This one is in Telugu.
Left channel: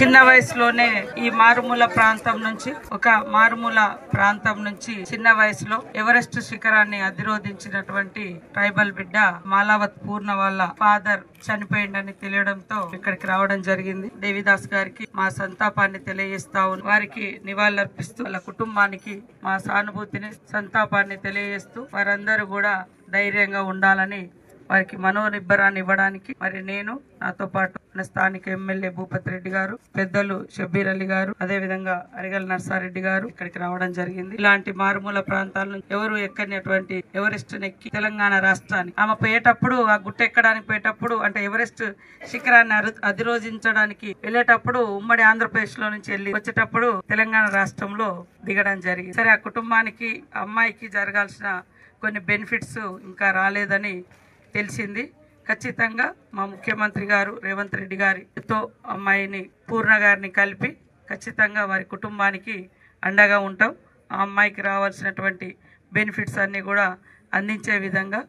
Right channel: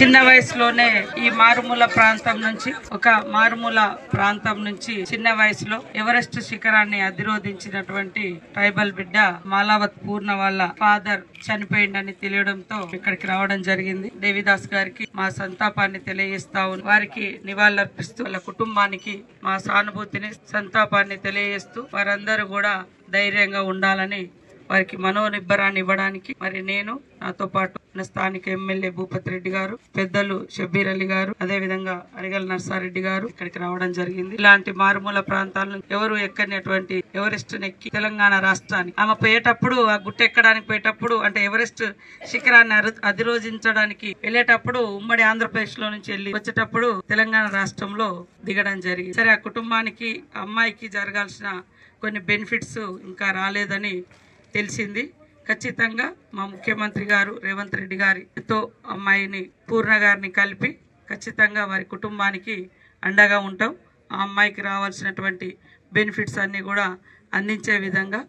చిన్న వయసులోనే ఈ మారుమూల ప్రాంతం నుంచి చిన్న వయసులో ఎవరెస్ట్ శిఖరాన్ని అధిరోధించినటువంటి ట్రైబల్ బిడ్డ మాలావత్ పూర్ణ వాళ్ళ ఫాదర్ చనిపోయిందని తెలియడంతో ఇక్కడికి రావడం జరిగింది. దేవిదాస్ గారికి మా సంతాపాన్ని తెలియజేస్తా వారికి నివాళులర్పిస్తూ వాళ్ళ కుటుంబానికి మా సానుభూతిని సంతాపాన్ని తెలియజేస్తూ వారందరూ కూడా ధైర్యంగా ఉండాలని వారికి మనోనిబ్బరాన్ని ఇవ్వడానికి మరి నేను నాతో పాటు స్థానిక ఎమ్మెల్యే భూపతి రెడ్డి గారు, పెద్దలు షబ్బీర్ అలీ గారు, అదే విధంగా అరిగల్ నర్సారెడ్డి గారు ఇక్కడికి రావడం జరిగింది. ఇలాంటి మారుమూల ప్రాంతాల నుంచి ఎవరు ఎక్కనిటువంటి ఎవరెస్ట్ ఎక్కి తెలంగాణ రాష్ట్రాన్ని ఆమె పోయేటప్పుడు ఆ గుట్ట ఎక్కడానికి పోయేటప్పుడు అంటే ఎవరెస్ట్ శిఖరాన్ని అధిరోధించడానికి వెళ్ళేటప్పుడు ఉమ్మడి ఆంధ్రప్రదేశ్ లో నుంచి వెళ్ళి వచ్చేటప్పుడు తెలంగాణ రాష్ట్రంలో దిగడం జరిగింది. సరే, ఆ కుటుంబానికి అమ్మాయికి జరగాల్సిన కొన్ని బెనిఫిట్స్ ఇంకా రాలేదని తెలిసింది. ఖచ్చితంగా మా ముఖ్యమంత్రి గారు రేవంత్ రెడ్డి గారితో అమ్మాయిని పూర్ణ గారిని కలిపి ఖచ్చితంగా వారి కుటుంబానికి అండగా ఉంటాం. ఆ అమ్మాయికి రావాల్సినటువంటి బెనిఫిట్స్ అన్ని కూడా అందించే విధంగా